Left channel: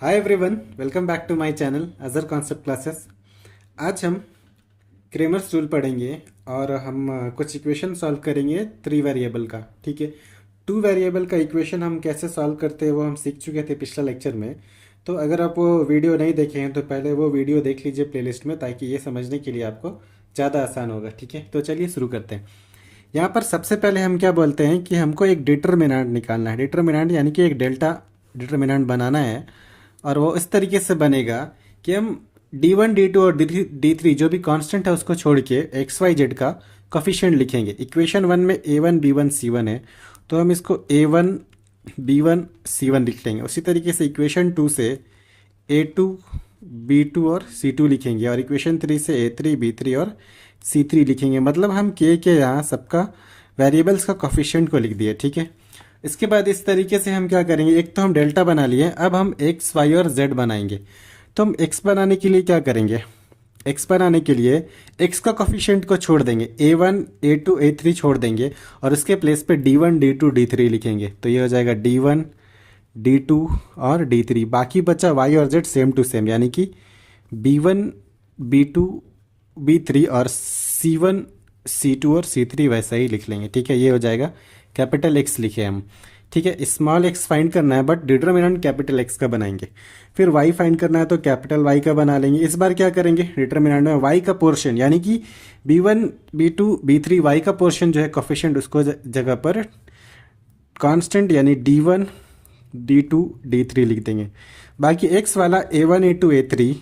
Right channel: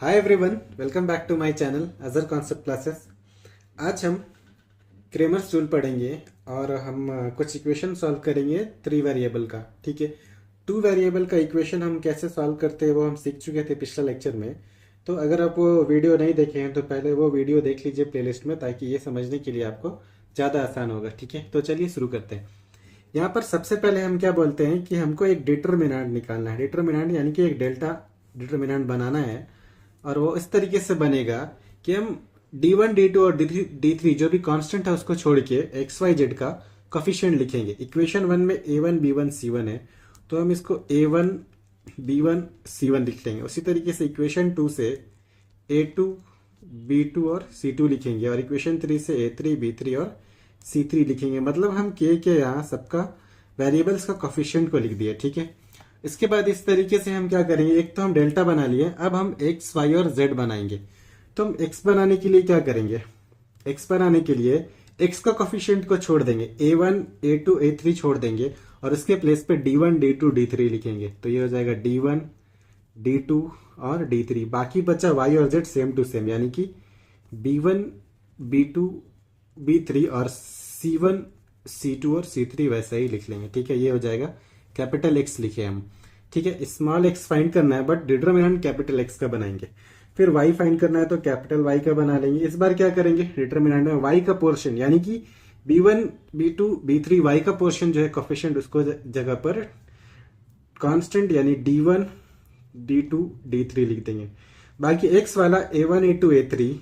Hi everyone, welcome back to my channel Ajar concept classes. आज हम Cramer's rule पढ़ेंगे और हम कुछ इक्वेशन सॉल्व करेंगे 3 वेरिएबल का। ठीक है, 2 वेरिएबल का इक्वेशन हम कैसे सॉल्व करते हैं वो हम सीख चुके थे पिछले लेक्चर में। तो अगर आप वो वीडियो नहीं देखे हैं तो पहले वो वीडियो देख लीजिए प्लेलिस्ट में, ताकि ये समझने के लिए आपको ज़्यादा आसान होगा। ठीक है, तो चलिए शुरू करते हैं। यहाँ पर सबसे पहले हम क्या बोलते हैं कि हमको एक डिटर्मिनेंट निकालना है। डिटर्मिनेंट यानी कि एक डेल्टा डिटर्मिनेंट बनाना है, और वो इस तरीके से बनेगा कि हम D1 D2 और D3 जो भी कांस्टेंट है उसको छोड़ के XYZ का कोफिशिएंट लिखेंगे। इक्वेशन 1 में A1 B1 C1 है, तो हम इसको A1 B1 C1 लिख लेंगे। उसी तरीके से इक्वेशन 2 से A2 B2 और C2 लिखेंगे, और इक्वेशन 3 से A3 B3 और C3 लिखेंगे। मतलब हम के यहाँ सबका वेरिएबल्स का कोफिशिएंट को लिख दिए। ठीक है, इसके बाद इस तरीके से हम क्या करेंगे, एक तो हम डेल्टा बना लिए, अब हम एक्स वाई और जेड बनाएंगे। तो हम एक्स बनाने के लिए क्या करेंगे, एक्स बनाने के लिए एक्स का कोफिशिएंट को छोड़ देंगे, A1 A2 A3 छोड़ देंगे, और उसके प्लेस पे D1 D2 D3 लिखेंगे। तो ये हो जाएगा D1 D2 और D3। बाकी बचा वाई और जेड सेम टू सेम, यानी कि B1 B2 B3 और C1 C2 और C3 वैसा ही लिख लेंगे। ठीक है, ये हो जाएगा कैपिटल एक्स लिखे हम। ठीक है, स्मॉल एक्स फाइंड करना है, बट डिटर्मिनेंट कैपिटल एक्स का बनाएंगे। फिर वाई फाइंड करना है तो कैपिटल वाई का बना लेंगे। इस बार क्या करेंगे, डिटर्मिनेंट में वाई का पोर्शन यानी कि B1 B2 B3 वाई का पोर्शन जो है कोफिशिएंट, उसको जगह पर कांस्टेंट यानी D1 D2 D3 लिख देंगे। बाकी एक्स वाला A1 A2 A3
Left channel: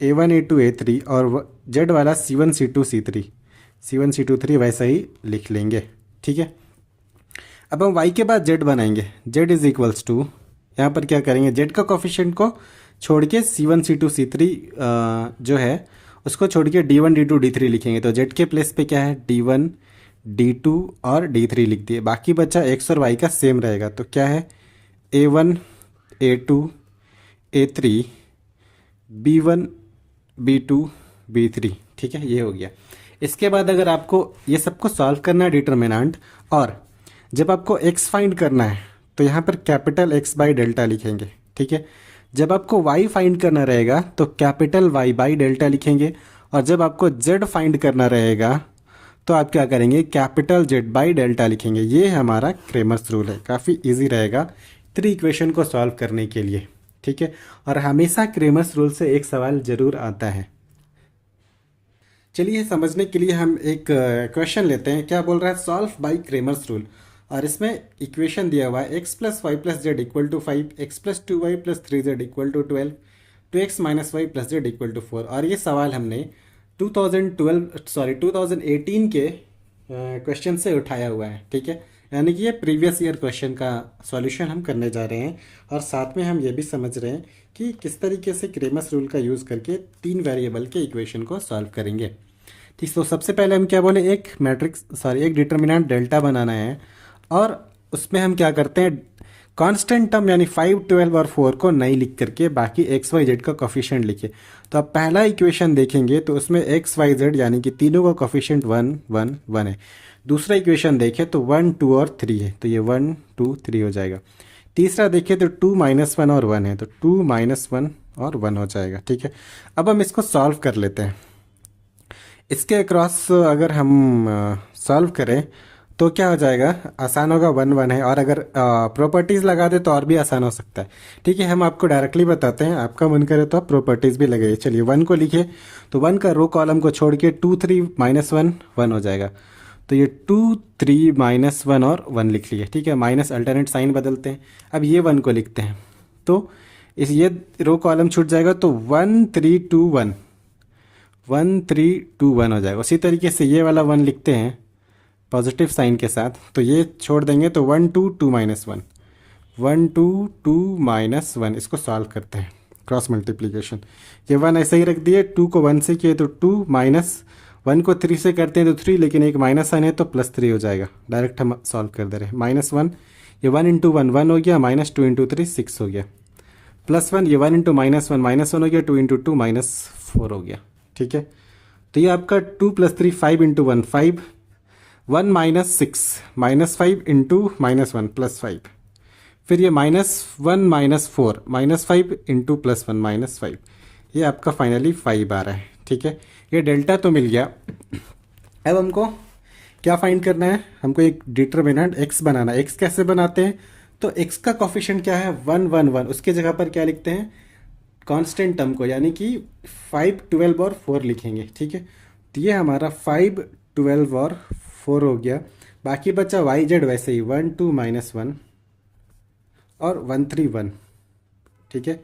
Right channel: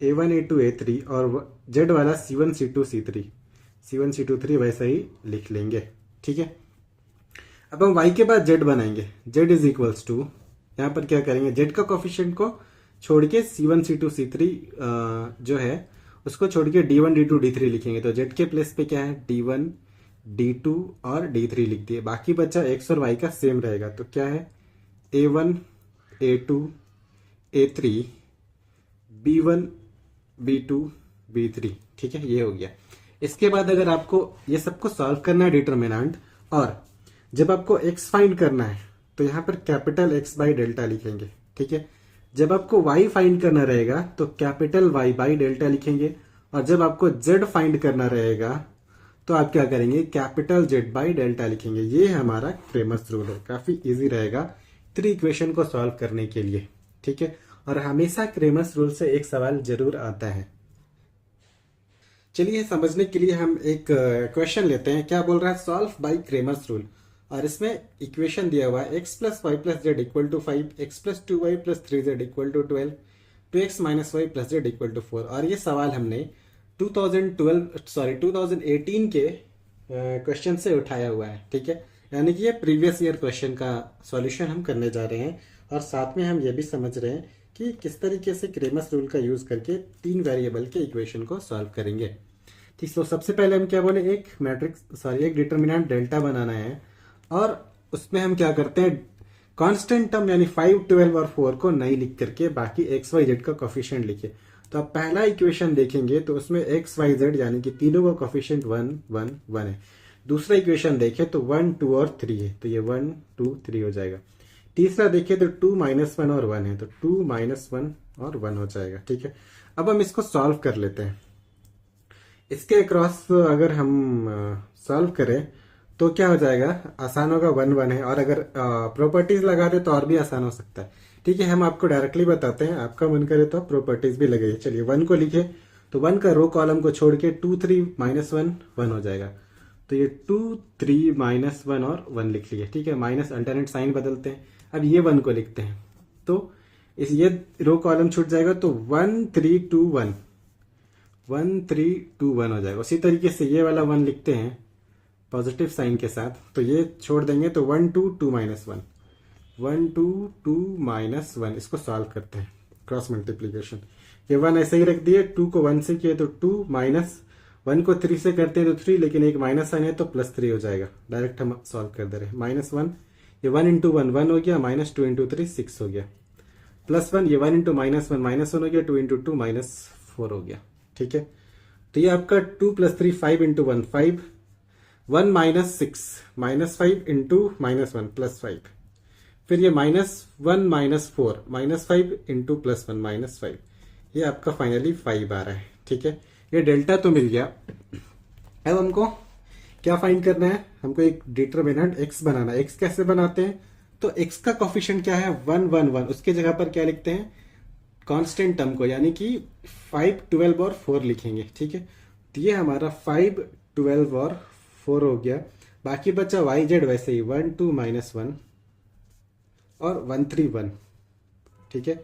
A3 और जेड वाला C1 C2 C3 वैसा ही लिख लेंगे। ठीक है, अब हम y के बाद z बनाएंगे। z इज इक्वल्स टू, यहाँ पर क्या करेंगे, z का कोफिशिएंट को छोड़ के C1 C2 C3 जो है उसको छोड़ के D1 D2 D3 लिखेंगे। तो z के प्लेस पे क्या है, D1 D2 और D3 लिख दिए। बाकी बचा x और y का सेम रहेगा, तो क्या है A1 A2 A3 B1 B2 B3। ठीक है, ये हो गया। इसके बाद अगर आपको ये सबको सॉल्व करना है डिटर्मिनेंट, और जब आपको x फाइंड करना है तो यहाँ पर कैपिटल x बाई डेल्टा लिखेंगे। ठीक है, जब आपको y फाइंड करना रहेगा तो कैपिटल y बाई डेल्टा लिखेंगे, और जब आपको z फाइंड करना रहेगा तो आप क्या करेंगे, कैपिटल z बाई डेल्टा लिखेंगे। ये हमारा क्रेमर्स रूल है, काफ़ी इजी रहेगा 3 इक्वेशन को सॉल्व करने के लिए। ठीक है, और हमेशा क्रेमर्स रूल से एक सवाल जरूर आता है। चलिए समझने के लिए हम एक क्वेश्चन लेते हैं। क्या बोल रहा है, सॉल्व बाय क्रेमर्स रूल, और इसमें इक्वेशन दिया हुआ है x plus y plus z equal to 5, x plus 2y plus 3z equal to 12, 2x minus y plus z equal to 4। और ये सवाल हमने 2018 के क्वेश्चन से उठाया हुआ है। ठीक है, यानी कि ये प्रीवियस ईयर क्वेश्चन का सॉल्यूशन हम करने जा रहे हैं, और साथ में हम ये भी समझ रहे हैं कि किस तरीके से क्रेमर्स रूल का यूज़ करके 3 वेरिएबल के इक्वेशन को सॉल्व करेंगे। ठीक, तो सबसे पहले हम क्या बोले, एक डिटर्मिनेंट डेल्टा बनाना है, और उसमें हम क्या करते हैं, कांस्टेंट टर्म यानी 5 12 और 4 को नहीं लिख करके बाकी एक्स वाई जेड का कोफिशिएंट लिखिए। तो अब पहला इक्वेशन देखेंगे तो उसमें एक्स वाई जेड यानी कि तीनों का कोफिशिएंट 1 1 1 है। दूसरा इक्वेशन देखें तो 1 2 और 3 है, तो ये 1 2 3 हो जाएगा। तीसरा देखें तो 2 -1 और 1 है, तो 2 -1 और 1 हो जाएगा। ठीक है, अब हम इसको सॉल्व कर लेते हैं। इसके अक्रॉस अगर हम सॉल्व करें तो क्या हो जाएगा, आसान होगा, 1 1 है, और अगर प्रॉपर्टीज लगा दे तो और भी आसान हो सकता है। ठीक है, हम आपको डायरेक्टली बताते हैं, आपका मन करे तो आप प्रॉपर्टीज भी लगाइए। चलिए 1 को लिखिए, तो 1 का रो कॉलम को छोड़ के 2 3 -1 1 हो जाएगा। तो ये 2 3 -1 और 1 लिख लिए। ठीक है, माइनस अल्टरनेट साइन बदलते हैं। अब ये 1 को लिखते हैं, तो इस ये रो कॉलम छूट जाएगा, तो 1 3 2 1 1 3 2 1 हो जाएगा। उसी तरीके से ये वाला 1 लिखते हैं पॉजिटिव साइन के साथ, तो ये छोड़ देंगे, तो 1 2 2 -1 1 2 2 -1। इसको सॉल्व करते हैं, क्रॉस मल्टीप्लीकेशन। ये 1 ऐसे ही रख दिए, 2 को 1 से किए तो 2 -1 को 3 से करते हैं तो 3, लेकिन एक माइनस साइन है तो +3 हो जाएगा। डायरेक्ट हम सॉल्व कर दे रहे हैं। -1, ये 1 × 1 1 हो गया, -2 × 3 6 हो गया, +1, ये 1 × -1 -1 हो गया, 2 × 2 -4 हो गया। ठीक है, तो ये आपका 2 + 3 5 × 1 5, 1 -6 -5 × -1 +5, फिर ये -1 -4 -5 इंटू +1 -5, ये आपका फाइनली 5 आ रहा है। ठीक है, ये डेल्टा तो मिल गया। अब हमको क्या फाइंड करना है, हमको एक डिटरमिनेंट x बनाना है। x कैसे बनाते हैं, तो x का कोफिशिएंट क्या है 1 1 1, उसके जगह पर क्या लिखते हैं कांस्टेंट टर्म को, यानी कि 5 12 और 4 लिखेंगे। ठीक है, तो ये हमारा 5 12 और 4 हो गया। बाकी बचा वाई जेड वैसे ही 1 2 -1 और 1 3 1। ठीक है,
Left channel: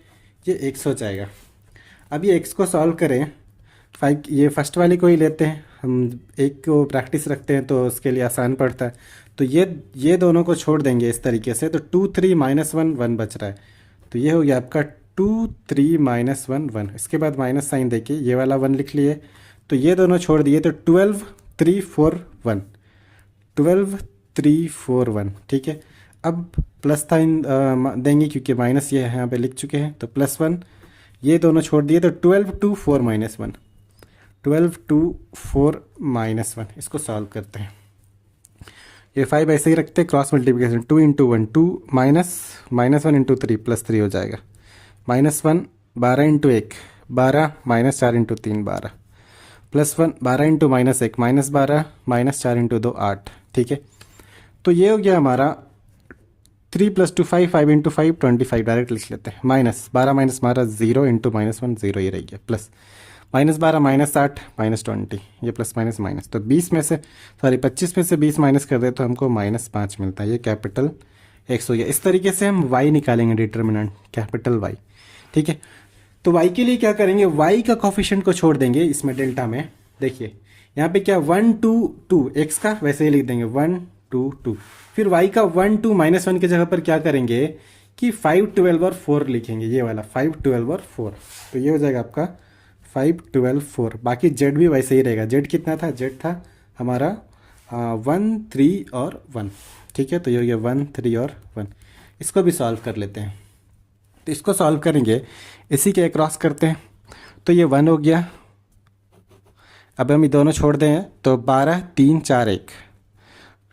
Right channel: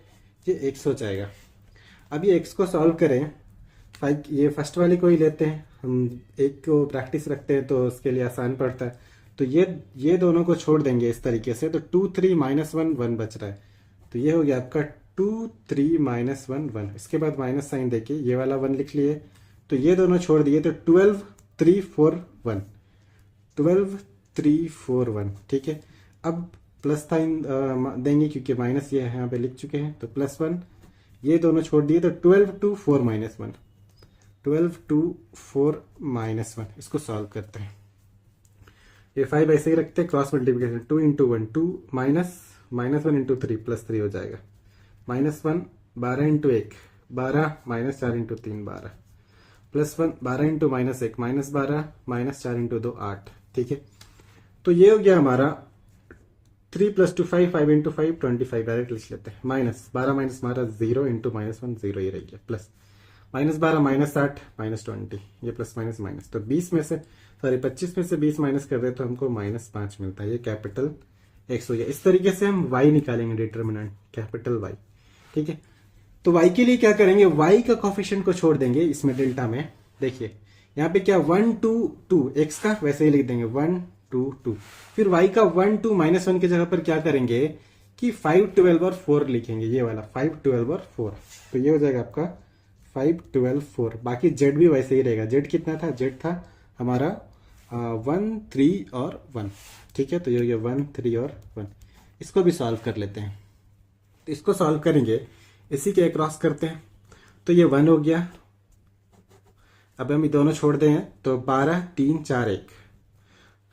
ये x हो जाएगा। अब ये x को सॉल्व करें, 5 ये फर्स्ट वाली को ही लेते हैं हम, एक को प्रैक्टिस रखते हैं तो उसके लिए आसान पड़ता है। तो ये दोनों को छोड़ देंगे इस तरीके से, तो 2 3 -1 1 बच रहा है। तो ये हो गया आपका 2 3 -1 1। इसके बाद माइनस साइन देके ये वाला 1 लिख लिए, तो ये दोनों छोड़ दिए, तो 12 3 4 1, 12 3 4 1। ठीक है, अब प्लस साइन देंगे क्योंकि माइनस ये यहाँ पे लिख चुके हैं, तो +1, ये दोनों छोड़ दिए, तो 12 2 4 -1, 12 2 4 -1। इसको सॉल्व करते हैं। ये 5 ऐसे ही रखते हैं, क्रॉस मल्टीप्लिकेशन 2 इंटू 1 2 -1 इंटू 3 +3 हो जाएगा। -1 12 इंटू 1 12 -4 इंटू 3 12, +1 12 इंटू -1 -12 -4 इंटू 2 8। ठीक है, तो ये हो गया हमारा 3 + 2 5 5 इंटू 5 25, डायरेक्ट लिख लेते हैं। -12 -12 0 इंटू -1 0 ही रह गया, प्लस -12 -8 -20, ये प्लस माइनस माइनस, तो 20 में से 25 में से 20 माइनस कर दे तो हमको -5 मिलता है। ये कैपिटल x हो गया। इस तरीके से हम y निकालेंगे, डिटर्मिनेंट कैपिटल Y। ठीक है, तो y के लिए क्या करेंगे, y का कोफिशिएंट को छोड़ देंगे इसमें डेल्टा में। देखिए यहाँ पे क्या 1 2 2, x का वैसे ही लिख देंगे 1 2 2। फिर y का 1 2 -1 की जगह पर क्या करेंगे कि 5 12 और 4 लिखेंगे, ये वाला 5 12 और 4। तो ये हो जाएगा आपका 5 12 4। बाकी z भी वैसे ही रहेगा। z कितना था, z था हमारा 1 3 और 1। ठीक है, तो ये हो गया 1 3 और 1। इसको भी सॉल्व कर लेते हैं। तो इसको सॉल्व करेंगे, इसी के क्रॉस करते हैं, तो ये 1 हो गया। अब हम ये दोनों छोड़ दें तो 12 3 4 1,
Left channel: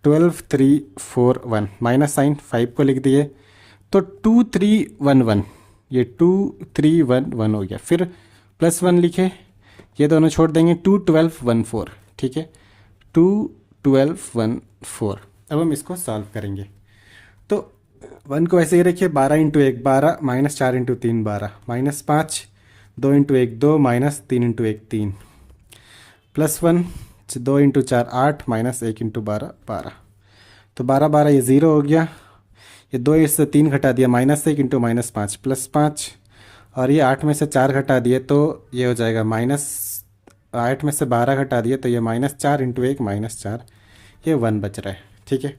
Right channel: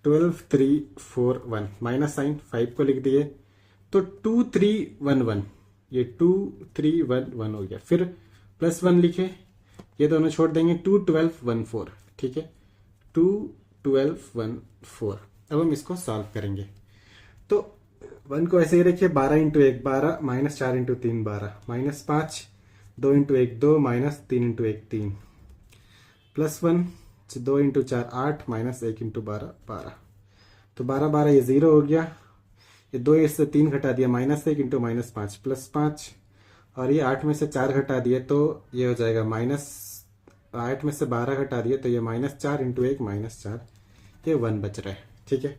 12 3 4 1, माइनस साइन 5 को लिख दिए, तो 2 3 1 1, ये 2 3 1 1 हो गया। फिर +1 लिखे, ये दोनों छोड़ देंगे, 2 12 1 4। ठीक है, 2 12 1 4। अब हम इसको सॉल्व करेंगे, तो 1 को ऐसे ही रखिए, 12 into 1 12 -4 into 3 12, -5 2 into 1 2 -3 into 1 3, +1 2 into 4 8 -1 into 12 12। तो 12 12 ये 0 हो गया। ये 2 इससे 3 घटा दिया, -1 इंटू -5 +5, और ये 8 में से 4 घटा दिए तो ये हो जाएगा -8 में से 12 घटा दिए तो ये -4 इंटू 1 -4, ये 1 बच रहा है। ठीक है,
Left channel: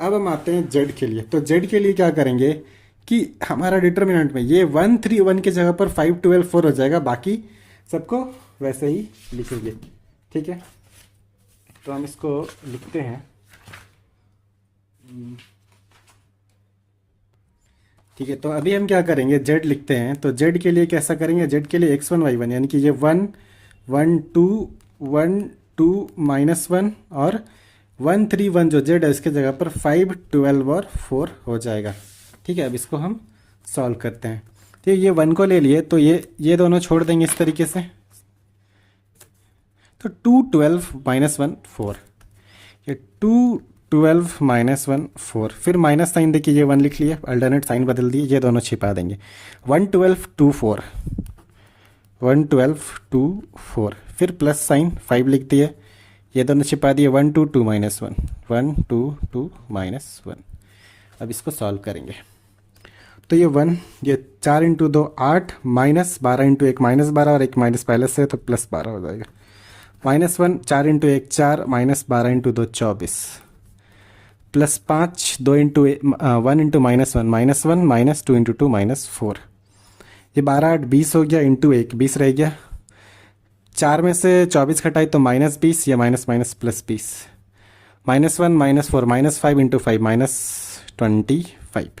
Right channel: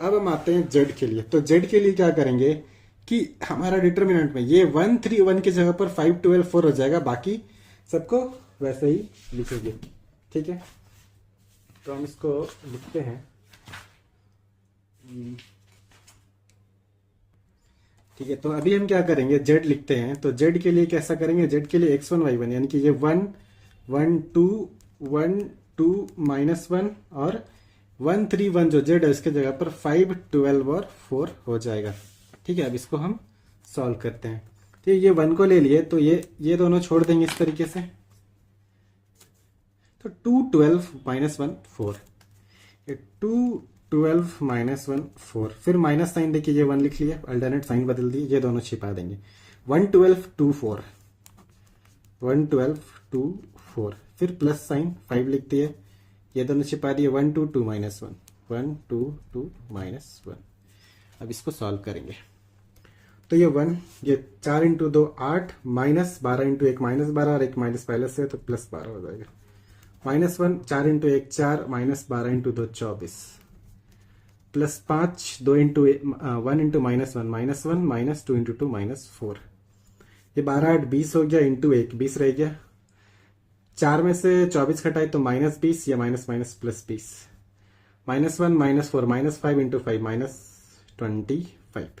अब हम आते हैं z के लिए। तो z के लिए क्या करेंगे कि हमारा डिटर्मिनेंट में ये 1 3 1 की जगह पर 5 12 4 हो जाएगा, बाकी सबको वैसे ही लिखेंगे। ठीक है, तो हम इसको लिखते हैं। ठीक है, तो अभी हम क्या करेंगे, z लिखते हैं। तो z के लिए कैसा करेंगे, z के लिए x1 y1, यानी कि ये 1 1 2 1 2 -1 और 1 3 1 जो z है इसके जगह पर 5 12 और 4 हो जाएगा। ठीक है, अब इसको हम सॉल्व करते हैं। तो ये 1 को ले लिए, तो ये दोनों छोड़ देंगे इस तरीके से, तो 2 12 -1 4, ये 2 12 -1 4। फिर माइनस साइन देखिए, ये 1 लिख लिया, अल्टरनेट साइन बदल दिए, ये दोनों छिपा देंगे। 1 12 2 4, 1 12 2 4, फिर प्लस साइन 5 लिख दिए, ये दोनों छिपा दिए। 1 2 2 -1, 1 2 2 -1। अब इसको सॉल्व करेंगे, तो ये 1, ये 4 इंटू 2 8, -12 इंटू 1 -12 और एक माइनस पहले से, तो +12 हो जाएगा। -1 4 into 1 4, -12 into 2 24, +5 2 into 1 into -1 -2 into 2 -4। ये 12 8 20 हो गया, इंटू 1 20 रह गया। 4 में से 24 घटाई तो -20, या माइनस माइनस +20, -1 -4 -5 इंटू 5 -25,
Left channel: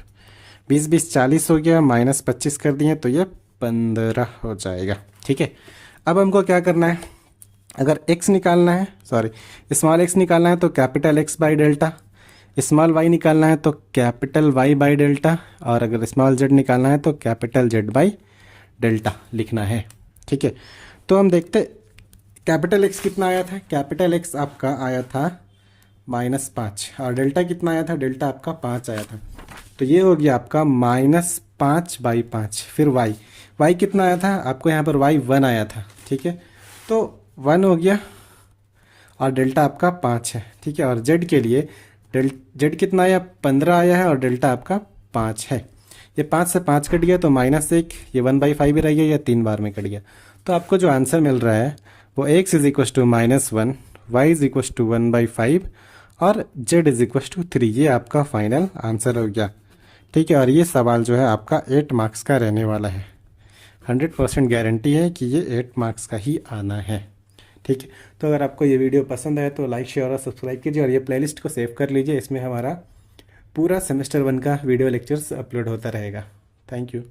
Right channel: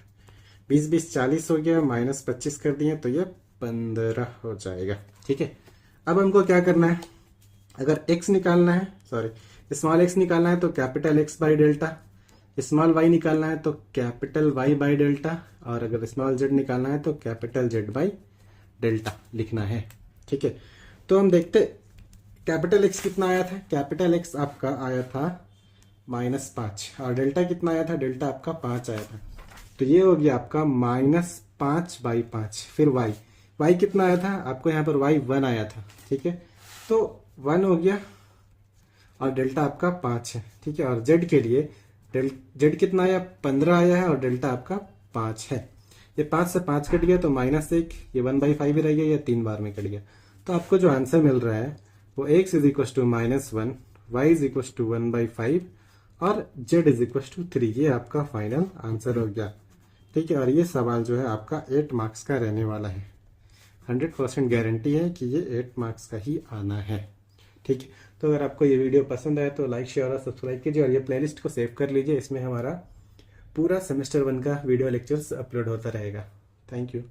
20 20 40 हो गया, -25 कर दिए तो ये 15 हो जाएगा। ठीक है, अब हमको क्या करना है, अगर x निकालना है, स्मॉल x निकालना है, तो capital X by delta, small y निकालना है तो कैपिटल वाई बाई डेल्टा, और अगर स्मॉल जेड निकालना है तो कैपिटल जेड बाई डेल्टा लिखना है। ठीक है, तो हम देखते कैपिटल एक्स कितना आया था। कैपिटल एक्स आपका आया था -5, और डेल्टा कितना आया था, डेल्टा आपका 5 आया था। तो ये हो गया आपका -5/5। फिर वाई, वाई कितना आया था आपको, यहाँ पर वाई 1 आया था। ठीक है, तो 1 हो गया, और डेल्टा आपका 5 है। ठीक है, और जेड के लिए जेड कितना आया, 15 आया है, और डेल्टा आपका 5 है। ये 5 से 5 कट गया तो -1, ये 1/5 ही रह गया, या 3 बार में कट गया। तो आपको जो आंसर मिल रहा है वो x is equal to -1, y is equal to 1/5 और z इज इक्व टू 3। ये आपका फाइनल आंसर हो गया। ठीक है, और ये सवाल जो है आपका 8 मार्क्स का रहने वाला है। 100% गारंटी है कि ये 8 मार्क्स का ही आना है। ठीक है, तो अगर आपको ये वीडियो पसंद आए तो लाइक शेयर और सब्सक्राइब कीजिए, और ये प्लेलिस्ट को सेव कर लीजिए। इसमें हमारा पूरा सेमेस्टर 1 का वीडियो लेक्चर्स अपलोड होता रहेगा। Thank you.